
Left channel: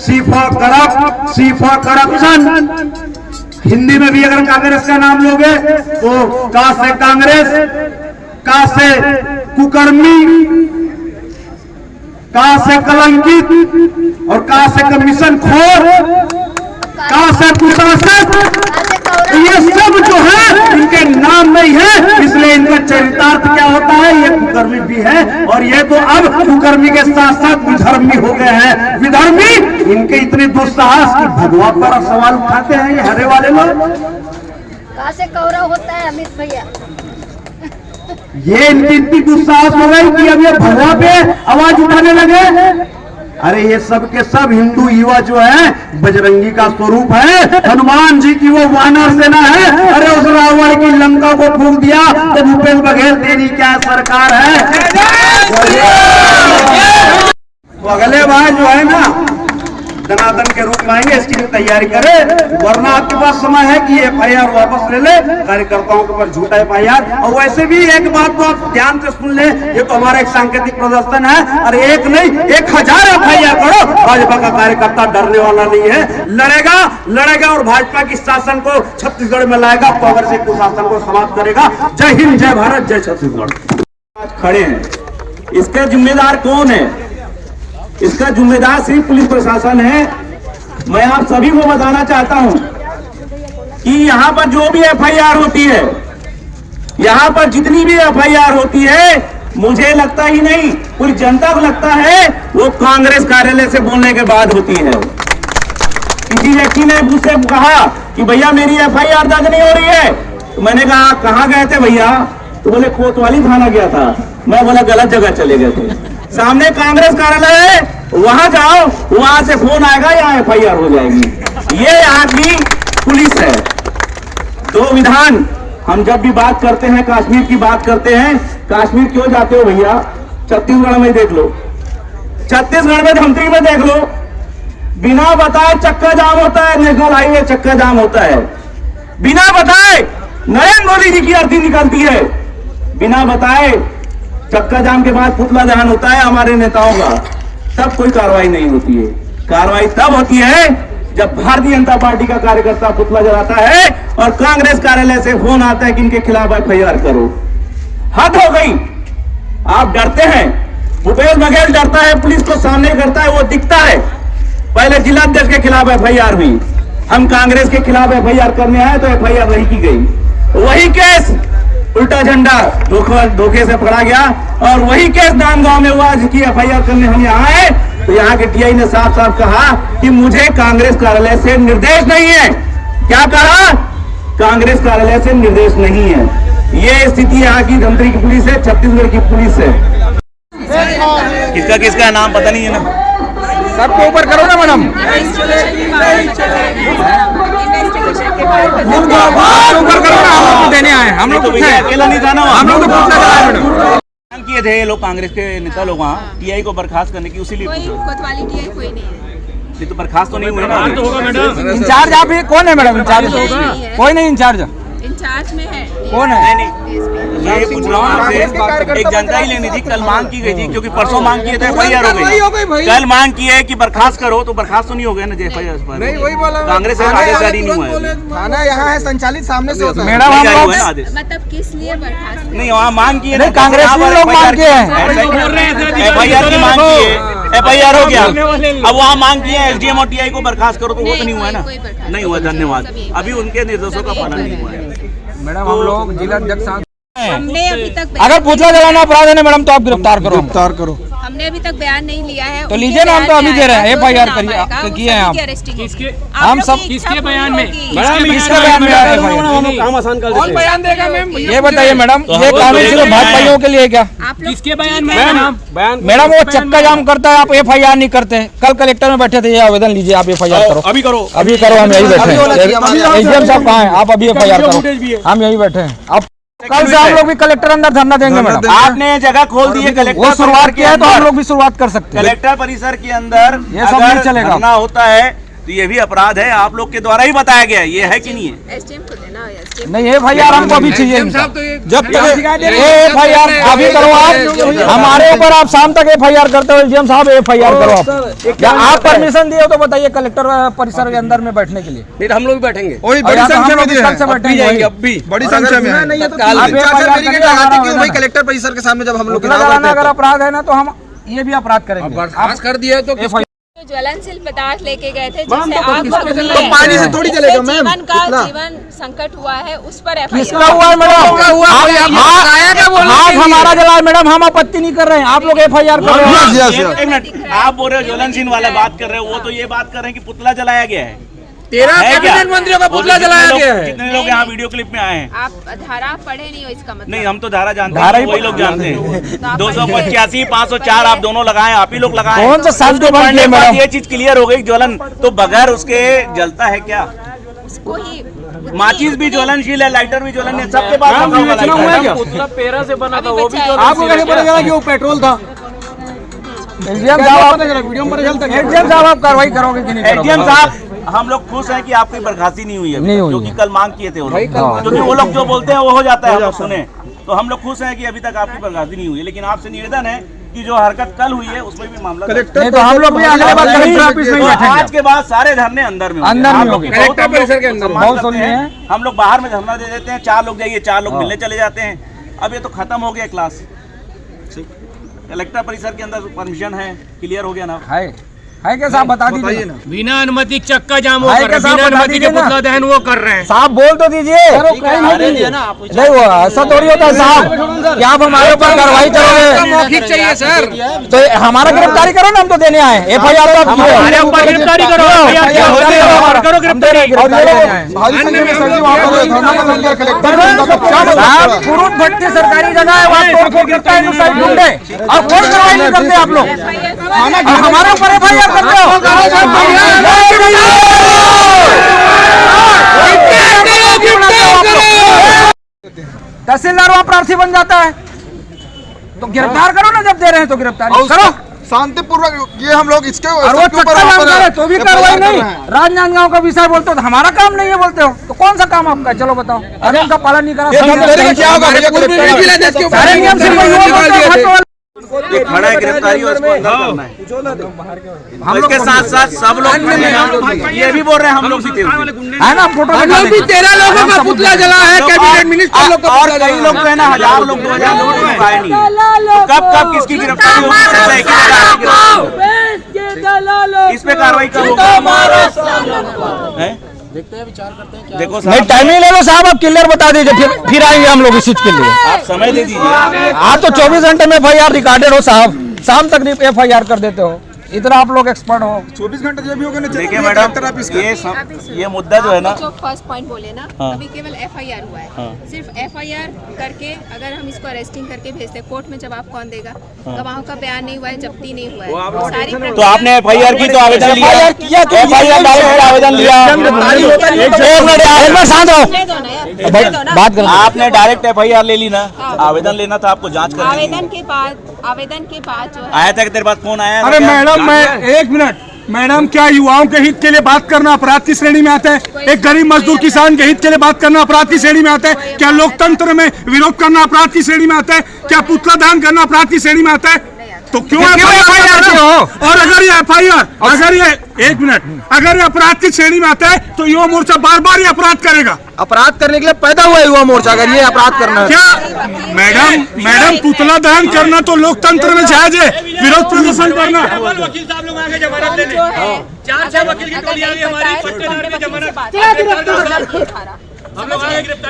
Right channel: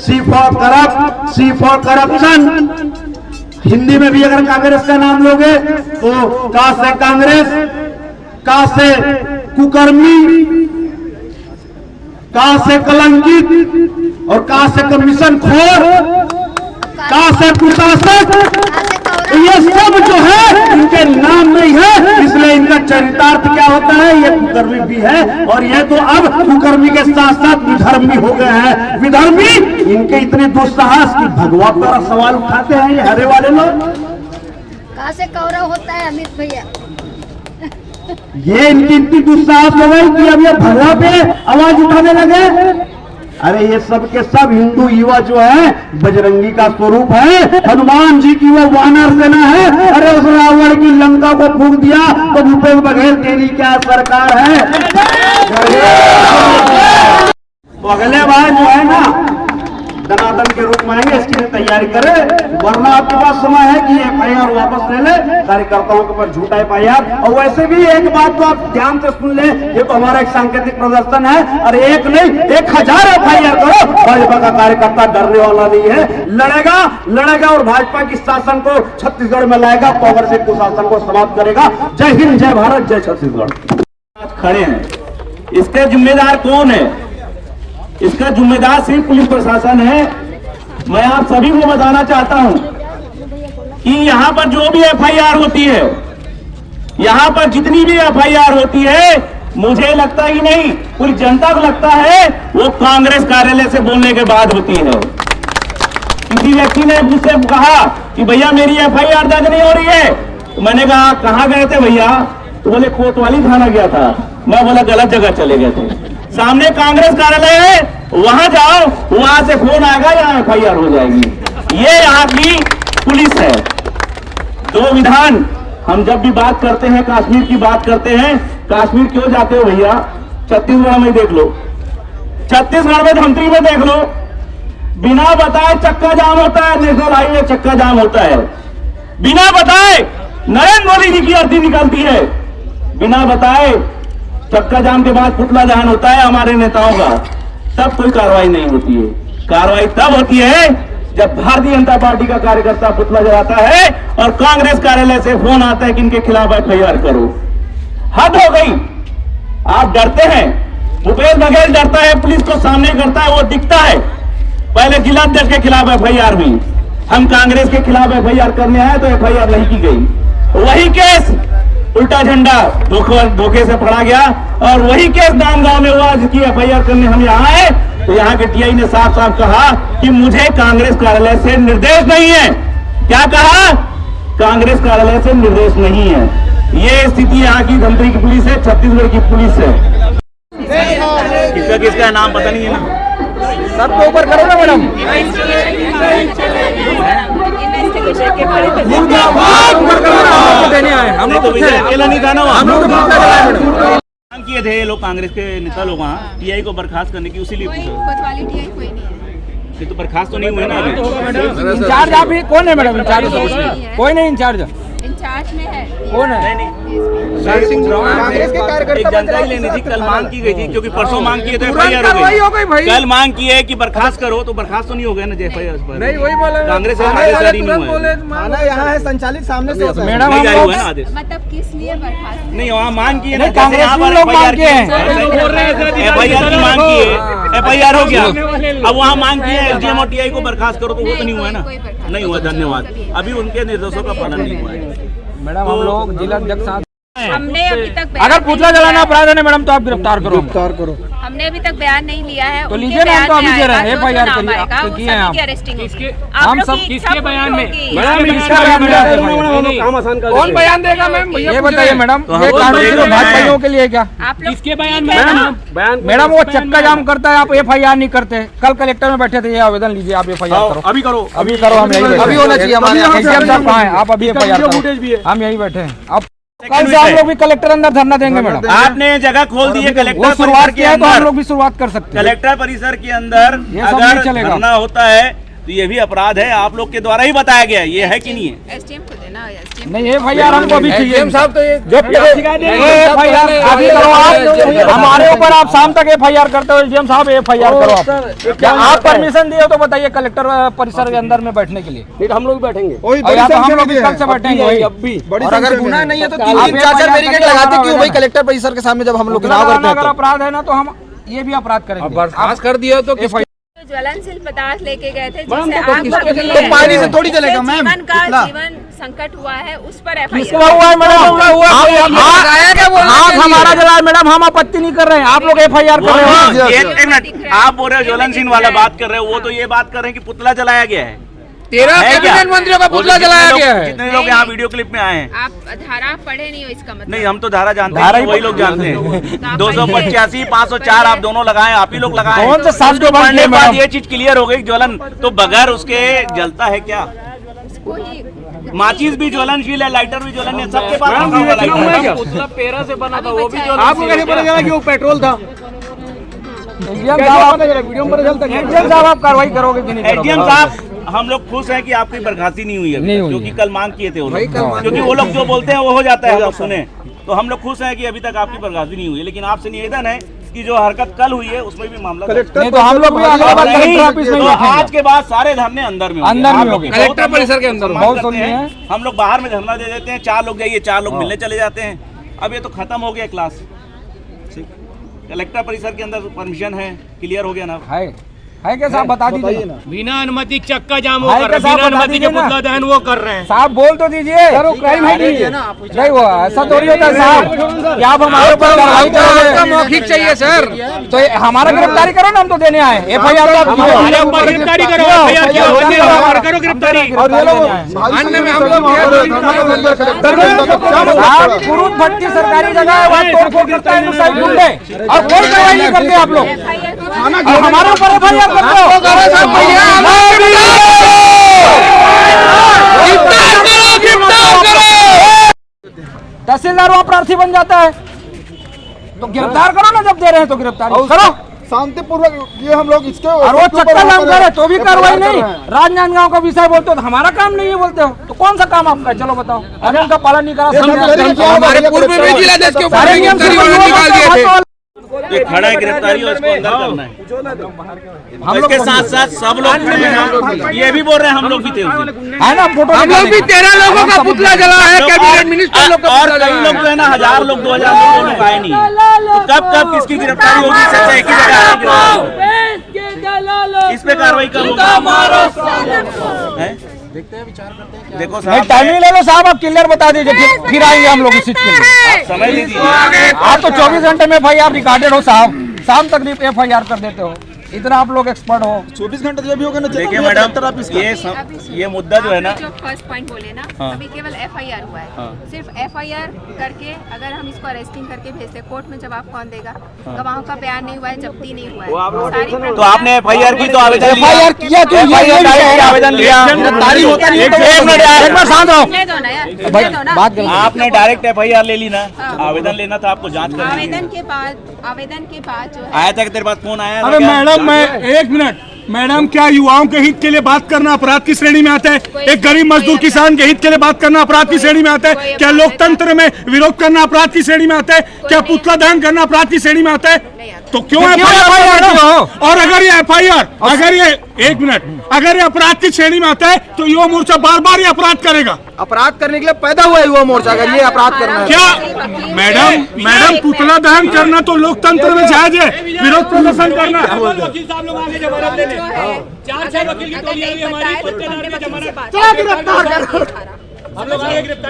C for corrupt, C for corruption. Hindi में भी अगर कांग्रेस का नाम लोगे तो का से कांग्रेस, का से कुकर्मी, का से कलंकित और का से कमीशन खोर, का से कुशासक, ये सब जो है इनके नाम में ही है, इसलिए इनका चरितार्थ क्या होता है, ये कुकर्मी भी है और ये तो अब कुकर्मी के साथ साथ विधर्मी हो गए हैं। विधर्मी इनके इतने दुस्साहस की भगवा पर सवाल उठाते हैं ये हरे वाले लोग। कहाँ से कौरव होता है अमित भैया? ये इनकी इतनी दुस्साहस हो गई कि अब ये भगवा पे आवाज उठाने लगे। अरे ये सब के सब हिंदू युवा जो है बजरंगी का स्वरूप है, हनुमान जी की वो वानर सेना है। अरे उस रावण की लंका को फूंक दिया तो भूपेश बघेल तेरी क्या सरकार है। तो अगले बार जो है ना दनादन के रूप में आएंगे, इसकी भी तैयारी करे, वरना आपके पास समय है कि FIR वापस ले ले, कार्यकर्ताओं के ऊपर झूठा FIR। और वैसे भी एक बात तो आप ध्यान से सुन ले, ये तो हमारा एक सांकेतिक प्रदर्शन है, और एक नहीं 1000 FIR करो, भाजपा का कार्यकर्ता डरने वाला नहीं है, लड़ेगा और भाजपा की शासन को छत्तीसगढ़ में लाएगा, कांग्रेस के शासन को समाप्त करेगा। जय हिंद, जय भारत, जय छत्तीसगढ़। आज खड़े हैं, इसके जिम्मेदार कौन है? इसका जिम्मेदार सिर्फ पुलिस प्रशासन है। मैं आप सभी को बताना चाहता हूं कि यहां पर जो भी FIR होती है, यहां पर जितनी भी FIR होती है, मुझे लगता ही नहीं, पूरी जनता को लगता है वो कांग्रेस कार्यालय से बोलने के बाद होती है। किसी व्यक्ति ने मुझसे कहा कि भैया मेरी FIR दर्ज नहीं हो रही है, तो मैंने कहा कहां गए थे भैया? तो बोले कोतवाली थाना गया था। मैं बोला गलत जगह चले गए थे, सामने कांग्रेस कार्यालय है, वहां जाओ, वहां से फोन आएगा, यहाँ FIR हो जाएगी। ये यहाँ की पुलिस है। दो विधान, हम जब भी बात करते हैं कश्मीर की बात करते हैं, कश्मीर क्यों जाते हो भैया? छत्तीसगढ़ में देख लो, छत्तीसगढ़ में धमतरी में देख लो, बिना बताए चक्का जाम होता है, नेशनल हाईवे चक्का जाम होता है, बिना बताए नरेंद्र मोदी जी की अर्थी निकलती है, बिना बताए चक्का जाम के बाद पुतला दहन होता है हमारे नेताओं का, तब कोई कार्रवाई नहीं होती है। कार्रवाई तब होती है जब भारतीय जनता पार्टी का कार्यकर्ता पुतला जलाता है और कांग्रेस कार्यालय से फोन आता है कि इनके खिलाफ FIR करो। हद हो गई, आप डरते हैं, भूपेश बघेल डरता है, पुलिस को सामने करता है, वो दिखता है। पहले जिलाध्यक्ष के खिलाफ FIR हुई, हम कांग्रेस के खिलाफ FIR करने आए तो FIR नहीं की गई। वही केस उल्टा झंडा धोखे से पकड़ा गया और वही केस नांदगांव में हुआ जिसकी FIR करने हम यहाँ आए तो यहाँ के TI ने साफ साफ कहा कि मुझे कांग्रेस कार्यालय से निर्देश नहीं है। क्या कहा? कांग्रेस कार्यालय से निर्देश नहीं है। ये स्थिति यहाँ की धमतरी की पुलिस है, छत्तीसगढ़ की पुलिस है। किसका किसका नाम पता नहीं है ना, सबको ऊपर करो ना मैडम। देने आए हम लोग, अकेला नहीं था ना, हम लोग मांग किए थे लोग, कांग्रेस के नेता लोग वहाँ TI को बर्खास्त करने की, उसीलिए कोतवाली TI कोई नहीं है। ये तो बर्खास्त तो नहीं हुए ना। इंचार्ज आप कौन है मैडम? इंचार्ज कोई नहीं, इंचार्ज इंचार्ज में है। कौन है? कांग्रेस के कार्यकर्ता एक जानकारी लेनी थी, कल मांग की गई थी क्योंकि परसों मांग किए थे, एफआईआर हो गई। कल मांग की है कि बर्खास्त करो, तो बर्खास्त तो नहीं हो गया ना एफआईआर पर। नहीं वही बोला, कांग्रेस का आदेश जारी नहीं हुआ है। थाना यहाँ है संचालित, सामने से होता है। मैडम नहीं जारी हुआ है ना आदेश। मतलब किस लिए बर्खास्त? नहीं वहाँ मांग की है ना, कांग्रेस एफआईआर की मांग की है, एफआईआर हो गया। अब वहाँ मांग की है एसडीएम और टीआई को बर्खास्त करो, तो वो तो नहीं हुआ है ना, नहीं हुआ। धन्यवाद। अभी उनके निर्देशों का पालन नहीं हुआ है। मैडम हम लोग जिला अध्यक्ष हमने अभी तक अगर पुतला जलाना अपराध है मैडम तो आप गिरफ्तार करो। हमने अभी तक बयान नहीं लिया है। तो लीजिए ना, हम तो अभी दे रहे हैं, एफआईआर किए हैं हम सब। किसके बयान में? किसका बयान में आया? कौन बयान देगा मैम? ये बताइए मैडम, ये कानून सिर्फ भाजपाइयों के लिए क्या? आप लोग किसके बयान में? मैडम वो चक्का जाम करता है, आप एफआईआर नहीं करते। कल कलेक्टर में बैठे थे, ये आवेदन लीजिए, आप एफआईआर करो। अभी करो, हम यही बैठे हैं। एसडीएम साहब कहाँ हैं? आप अभी एफआईआर करो, हम यही बैठे हैं। अब कल से हम लोग भी कलेक्टर अंदर धरना देंगे मैडम। आपने जगह खोल दी है कलेक्टर शुरुआत किया है, तो हम लोग भी शुरुआत कर सकते हैं। कलेक्टर परिसर के अंदर ये सब नहीं अगर चलेगा। धरना होता है तो ये भी अपराध है, आप लोग के द्वारा ही बताया गया है, ये है कि नहीं है? एसडीएम को देना है। नहीं एफआईआर हमको भी चाहिए साहब। तो जब तक एफआईआर अभी करो आप, हमारे ऊपर आप शाम तक एफआईआर करते हो। एसडीएम साहब एफआईआर करो आप। आप परमिशन दिए तो बताइए कलेक्टर परिसर के अंदर में बैठने के लिए। नहीं हम लोग बैठेंगे, हम लोग कल से बैठेंगे। बड़ी संख्या में। कलेक्टर परिसर के सामने जब हम लोग अगर अपराध है ना, तो हम ये भी अपराध करेंगे। बर्खास्त कर दिया तो ज्वलनशील पदार्थ लेके गए थे, जिससे आग लग रही तो पानी से थोड़ी है, चलेगा मैम। जीवन संकट हुआ है, उस पर किसका हुआ है मैडम? एफआईआर हमारा जला है मैडम, हम आपत्ति नहीं कर रहे हैं, आप लोग एफआईआर कर रहे हैं। एक मिनट, आप बोल रहे हो ज्वलनशील वाला बात कर रहे हो, वो तो ये बात कर रहे हैं कि पुतला जलाया गया है। 13 कैबिनेट मंत्रियों का पुतला जलाया गया है। जितने लोग यहाँ वीडियो क्लिप में आए हैं, आप धारा पढ़े नहीं हो इसका मतलब? नहीं हम तो धारा जानते हैं, वही लोग जानते हैं। 285, 504 आप दोनों लगाए, आप ही लोग लगाए। कौन सा साल के बाद मैडम? ये चीज क्लियर हो गई, ज्वलन तो बगैर उसके जलता है क्या? उसको ही माचिस भी ज्वलनशील है, लाइटर भी ज्वलनशील है, सबके पास पुतला पेरा से बना था, वो भी आपको कैसे पता चला कि वो पेट्रोल था? एसडीएम साहब आप कार्रवाई करोगे कि नहीं? एसडीएम साहब हम लोग खुश हैं कि आपकी बर्खास्ती नहीं हुई है, क्योंकि कल मांग किए थे वो लोग, क्योंकि वो लोग जो बोलते हैं वो हो जाता है, हम लोग सुने। तो हम लोग खुश हैं कि अभी तक आपकी बर्खास्ती नहीं हुई है, लेकिन आपसे निवेदन है कि जो हरकत कल हुई है उसमें भी मामला नहीं, तो हम लोग भी कलेक्टर ऑफिस में आज के बाद सारे धरने अंदर में होंगे। कलेक्टर परिसर के अंदर बहुत सुनिए हैं। हम लोग बाहर में धरना दे देते हैं, 4 लोग जाइए, 4 लोग मिलने चले जाते हैं। अब ये तो खत्म हो गया क्लास, कलेक्टर परिसर के अंदर परमिशन है, क्लियर हो गया ना? है क्या साहब, बता दीजिए ना। बिना अनुमति चक्का जाम हो है कर क्या रहा है, साहब, बिना बता अनुमति के दीजिए ना। पुतला दहन वो कर रहे हैं। साहब बोल तो दीजिए। नहीं वो ऐसा थोड़ी होता है साहब, क्या आप हमारे ऊपर कार्रवाई करोगे? मौखिक चाहिए सर, तो हमारा गिरफ्तारी करो ना, हम तो देने आए। एफआईआर का गिरफ्तारी करो, करो गिरफ्तारी। साहब कुरुप भट्टी सरकारी जगह है, वहाँ तोड़-फोड़ करता है, ढूंढे और कोई कार्रवाई नहीं करते आप लोग। हमारे ऊपर एफआईआर करते हो। तहसीलदार वहाँ प्रार्थी बन जाता है, तो गिरफ्तार करो ना, जब दे रहे हैं तो गिरफ्तारी करो शांतिपूर्वक। ये हम लोग इसके और वो चक्का जाम करे तो भी कार्रवाई नहीं। राजनांदगांव का विषय बोलते हो तो हमारा काम नहीं है बोलते हो, तो कौन सा काम आपका है? चलो बताओ। अरे उनका पालन नहीं करा, सारे नियम से ये खड़ा है गिरफ्तारी और इसको अंदर करना है। हम लोग के साथ साथ सब लोग ये भी बोल रहे हैं, हम लोग भी थे है ना, फोटो हम लोग भी 13 लोगों का पुतला जला है, कैबिनेट मिनिस्टर लोग का और पुतला कई लोग तो है ना, 1000 लोग 2000 लोग आए नहीं है। तो कब किसकी गिरफ्तारी होगी? सब एक ही जगह इस पे कार्रवाई कब होगी? देखते हैं, विचार करते हैं। देखो नहीं टाइमिंग ले लो साहब, आप क्लियर बता दीजिए, फिर आएंगे हम लोग इस चीज के लिए। समय दे दीजिए। आप तो 24 घंटे में एफआईआर रिकॉर्डेड हो साहब, शाम तक एफआईआर कर देते हो, इतना आप लोग एक्सपर्ट हो। 24 घंटे जो भी होगा ना। देखिए मैडम, ये मुद्दा जो है ना, जो फर्स्ट पॉइंट बोले ना, अभी केवल एफआईआर हुआ है। सिर्फ एफआईआर करके अगर हम इसको अरेस्टिंग करके भेजते कोर्ट में, जवाब कौन देगा? गवाहों का बयान नहीं हुआ है, जब्ती नहीं हुआ है, सारी तो आपने एफआईआर की तो आवेदन लिया, आवेदन लिया, आपने डायरेक्ट एफआईआर ले ली ना, आवेदन लेना था आपको, जांच करनी। आवेदन के बाद जो है आया था कि तेरे पास फोन आया? अरे मैडम मैं 1 मिनट, मैडम, क्या युवाओं के हित के लिए बात करना अपराध की श्रेणी में आता है? एक गरीब मजदूर किसान के हित के लिए बात करना अपराध की श्रेणी में आता है? क्या लोकतंत्र में विरोध करना अपराध की श्रेणी में आता है? क्या पुतला दहन करना अपराध की श्रेणी में आता है? तो क्यों एफआईआर हो? और अगर ये एफआईआर, अगर ये एक मिनट, अगर ये अपराध की श्रेणी में आता है तो युवा मोर्चा बार बार ये अपराध करेगा। अपराध करने के लिए पैदा हुआ युवा मोर्चा, अगर ये अपराध करना है क्या मैडम, पुतला दहन करना तो लोकतंत्र में जायज है, विरोध प्रदर्शन करना। वकील साहब लोग आगे जमानत देने जो है 4 वकील की टोली आ रही है हमारी।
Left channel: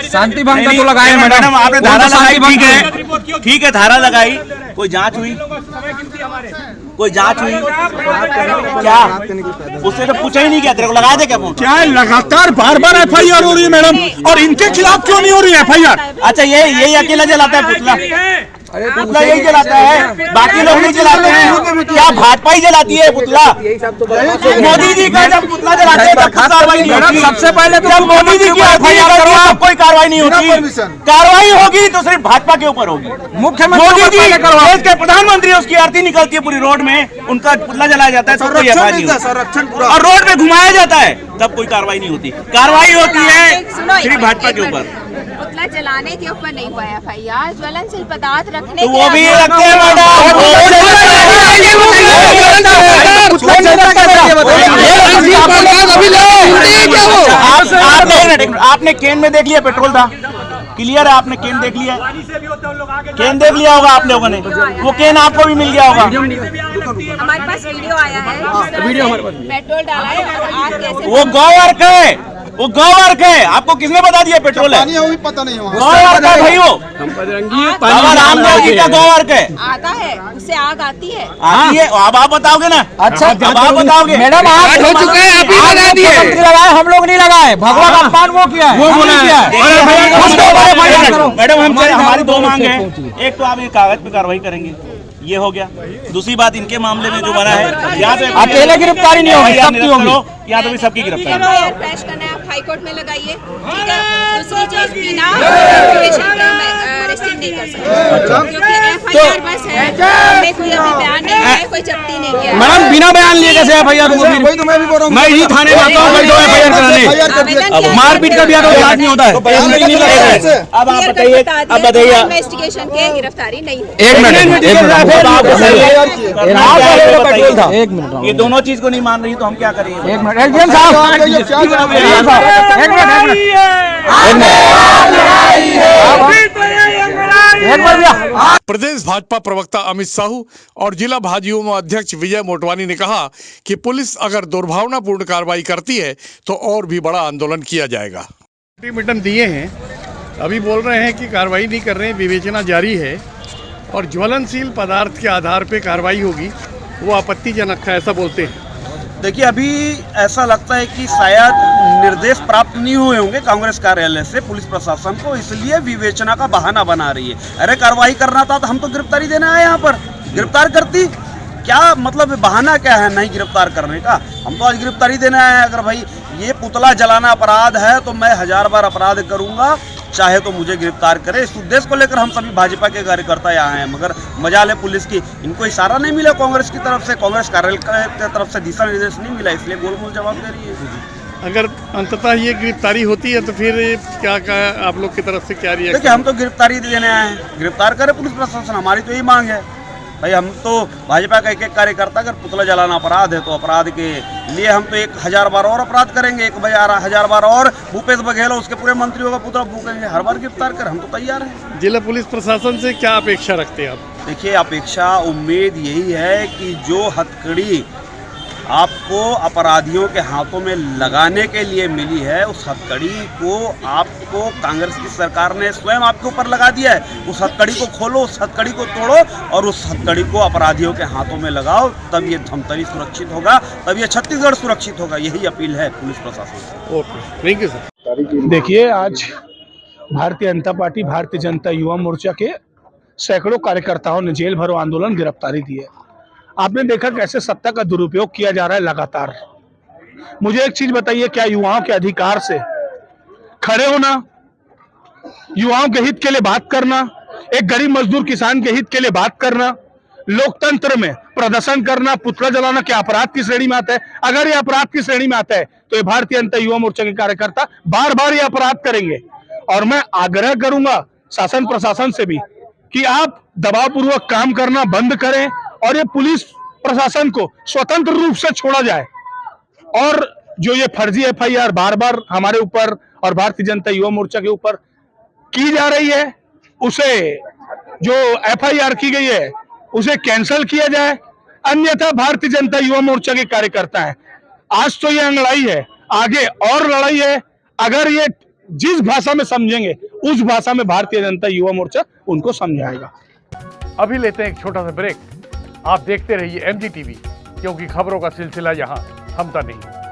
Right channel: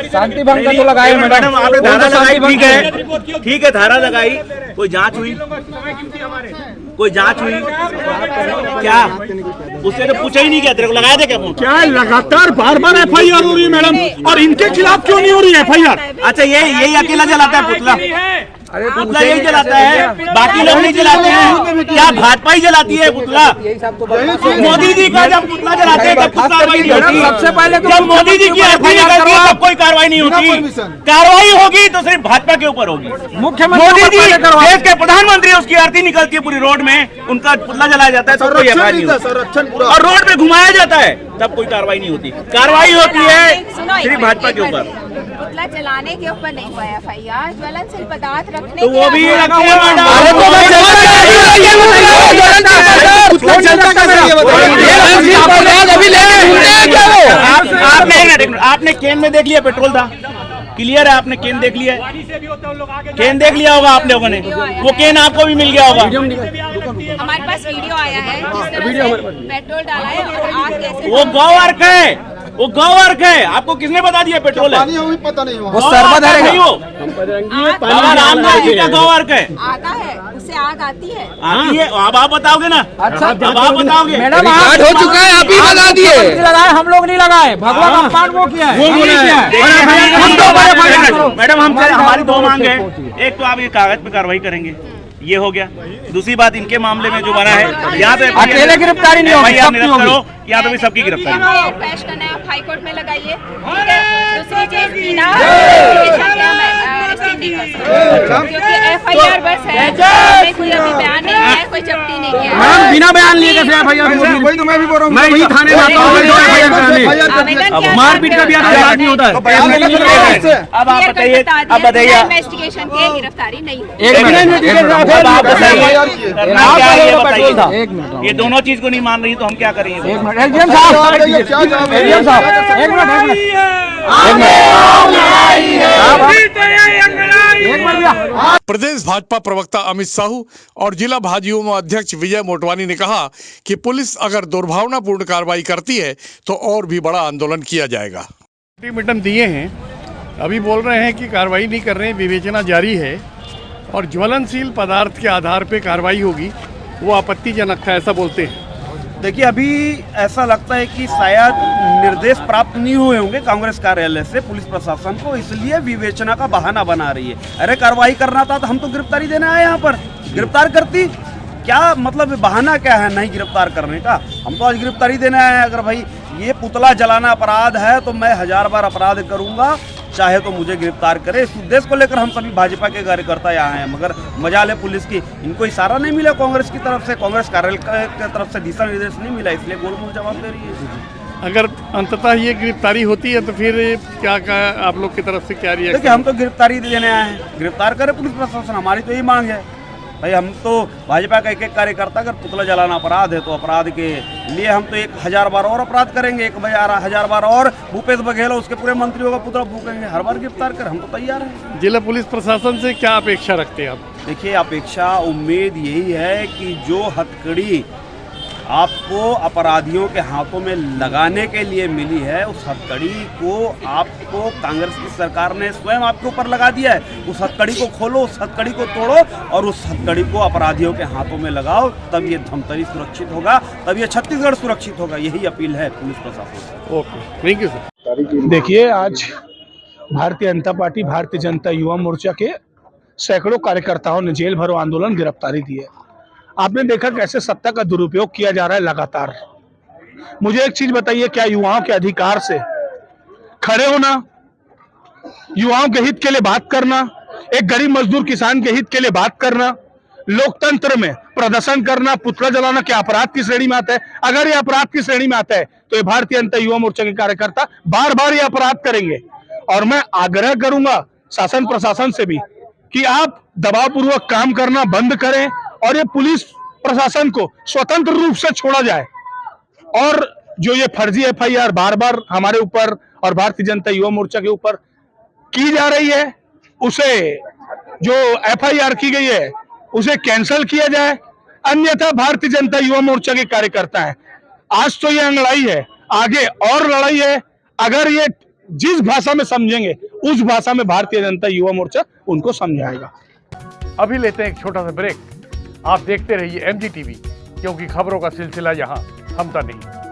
शांति भंग का तो लगाए मैडम, आपने धारा लगाई, ठीक है, ठीक है, धारा लगाई, कोई जांच हुई? कोई जांच हुई क्या? उससे तो पूछा ही नहीं, क्या तेरे को लगाया था क्या फोन? क्या लगातार बार बार एफआईआर हो रही है मैडम, और इनके खिलाफ क्यों नहीं हो रही है एफआईआर? अच्छा, यही अकेला जलाता है पुतला? पुतला यही जलाता है, बाकी लोग नहीं जलाते हैं क्या? भाजपा ही जलाती है पुतला? मोदी जी का जब पुतला जलाते हैं तब कार्रवाई नहीं होती। सबसे पहले जब मोदी जी की आरती निकलती है तब कोई कार्रवाई नहीं होती। कार्रवाई होगी तो सिर्फ भाजपा के ऊपर होगी। मोदी जी देश के प्रधानमंत्री, उसकी आरती निकलती है पूरी रोड में, उनका पुतला जलाया जाता है तब कोई एफआईआर नहीं होती, और रोड पे घुमाया जाता है तब कोई कार्रवाई नहीं होती। कार्रवाई होती है सिर्फ भाजपा के ऊपर। पुतला जलाने के ऊपर नहीं हुआ एफआईआर, ज्वलनशील पदार्थ रखने तो वो भी रखते हैं पुतला जलता कैसे ये मैडम। आपने केन में देख लिया पेट्रोल था, क्लियर है, आपने केन देख लिया है, केन देख लिया होगा आप लोगों ने, वो केन आपको भी मिल गया होगा। हमारे पास वीडियो आया है, पेट्रोल डाला है और आग कैसे, वो गौवर्क है, वो गौवर्क है, आपको किसने बता दिया पेट्रोल है? पता नहीं वो सर्वधर्म नहीं हो, गौवर्क है, आता है उससे आग आती है, आती है। अब आप बताओगे ना? अच्छा, जब आप बताओगे मैडम, आग हो चुका है, आप ही लगा दिए, लगाए, हम लोग नहीं लगाए, भगवान अपमान वो किया है, वो नहीं किया है। मैडम, हम हमारी दो मांग है, एक तो आप ये कागज पे कार्रवाई करेंगे, ये हो गया। दूसरी बात, इनके मामले में जो बना है, यहाँ पे अकेले गिरफ्तारी नहीं होगी, सबकी होगी, या तो भी सबकी गिरफ्तारी। पेश करना है, आप हाई कोर्ट में लगाइए, ठीक है। दूसरी चीज, बिना एप्लीकेशन के हम अरेस्ट नहीं कर सकते, क्योंकि एफआईआर बस है, हमें कोई अभी बयान नहीं है, कोई जब्ती नहीं किया है। मैडम, बिना बयान लिए कैसे एफआईआर? वही तो मैं भी बोल रहा हूँ, मैं ही थाने में आता हूँ एफआईआर कराने, मारपीट कर दिया तो बयान नहीं होता है। अब आप बताइए, अब बताइए, इन्वेस्टिगेशन के गिरफ्तारी नहीं हो। एक मिनट, आप बताइए, करना क्या है ये बताइए। ये दोनों चीज को नहीं मान रही तो हम क्या करेंगे? प्रदेश भाजपा प्रवक्ता अमित साहू और जिला भाजयुमो अध्यक्ष विजय मोटवानी ने कहा कि पुलिस अगर दुर्भावनापूर्ण कार्रवाई करती है तो और भी बड़ा आंदोलन किया जाएगा। अल्टीमेटम दिए हैं, अभी बोल रहे हैं कि कार्रवाई नहीं कर रहे हैं, विवेचना जारी है और ज्वलनशील पदार्थ के आधार पे कार्रवाई होगी, वो आपत्तिजनक था, ऐसा बोलते हैं। देखिए, अभी ऐसा लगता है कि शायद निर्देश प्राप्त नहीं हुए होंगे कांग्रेस कार्यालय से पुलिस प्रशासन को, इसलिए विवेचना का बहाना बना रही है। अरे कार्रवाई करना था तो हम तो गिरफ्तारी देने आए, यहाँ पर गिरफ्तार करती, क्या मतलब बहाना क्या है नहीं गिरफ्तार करने का? हम तो आज गिरफ्तारी देने आए हैं। अगर भाई ये पुतला जलाना अपराध है तो मैं 1000 बार अपराध करूंगा, चाहे तो मुझे गिरफ्तार करे। इस उद्देश्य को लेकर हम सभी भाजपा के कार्यकर्ता यहाँ हैं, मगर मजाल है पुलिस की, इनको इशारा नहीं मिला कांग्रेस की तरफ से, कांग्रेस कार्यालय की तरफ से दिशा निर्देश नहीं मिला, इसलिए गोलमोल जवाब दे रही है। अगर अंततः ये गिरफ्तारी होती है तो फिर क्या आप लोग की तरफ से क्या रिएक्शन? देखिए, हम तो गिरफ्तारी देने आए हैं, गिरफ्तार करे पुलिस प्रशासन, हमारी तो यही मांग है भाई। हम तो भाजपा का एक एक कार्यकर्ता, अगर पुतला जलाना अपराध है तो अपराध के लिए हम तो 1000 बार और अपराध करेंगे, 1000 बार और भूपेश बघेल उसके पूरे मंत्रियों का पुतला फूकेंगे, हर बार गिरफ्तार कर, हम तो तैयार हैं। जिला पुलिस प्रशासन से क्या अपेक्षा रखते हैं आप? देखिए, अपेक्षा उम्मीद यही है कि जो हथकड़ी आपको अपराधियों के हाथों में लगाने के लिए मिली है, उस हथकड़ी को आपको कांग्रेस की सरकार ने स्वयं आपके ऊपर लगा दिया है। उस हथकड़ी को खोलो, उस हथकड़ी को तोड़ो और उस हथकड़ी को अपराधियों के हाथों में लगाओ, तब ये धमतरी सुरक्षित होगा, तब ये छत्तीसगढ़ सुरक्षित होगा। यही अपील है पुलिस प्रशासन से। Okay, thank you sir. देखिए, आज भारतीय जनता पार्टी, भारतीय जनता युवा मोर्चा के सैकड़ों कार्यकर्ताओं ने जेल भरो आंदोलन, गिरफ्तारी दी है। आपने देखा कैसे सत्ता का दुरुपयोग किया जा रहा है लगातार। मुझे एक चीज बताइए, क्या युवाओं के अधिकार से खड़े होना, युवाओं के हित के लिए बात करना, एक गरीब मजदूर किसान के हित के लिए बात करना, लोकतंत्र में प्रदर्शन करना, पुतला जलाना क्या अपराध की श्रेणी में आता है? अगर ये अपराध की श्रेणी में आता है तो ये भारतीय जनता युवा मोर्चा के कार्यकर्ता बार बार ये अपराध करेंगे। और मैं आग्रह करूंगा शासन प्रशासन से भी कि आप दबावपूर्वक काम करना बंद करें और ये पुलिस प्रशासन को स्वतंत्र रूप से छोड़ा जाए। और जो ये फर्जी एफआईआर बार बार हमारे ऊपर और भारतीय जनता युवा मोर्चा के ऊपर की जा रही है, उसे जो एफआईआर की गई है उसे कैंसिल किया जाए, अन्यथा भारतीय जनता युवा मोर्चा के कार्यकर्ता हैं। आज तो ये लड़ाई है, आगे और लड़ाई है। अगर ये जिस भाषा में समझेंगे उस भाषा में भारतीय जनता युवा मोर्चा उनको समझाएगा। अभी लेते हैं एक छोटा सा ब्रेक। आप देखते रहिए MG TV, क्योंकि खबरों का सिलसिला यहाँ थमता नहीं।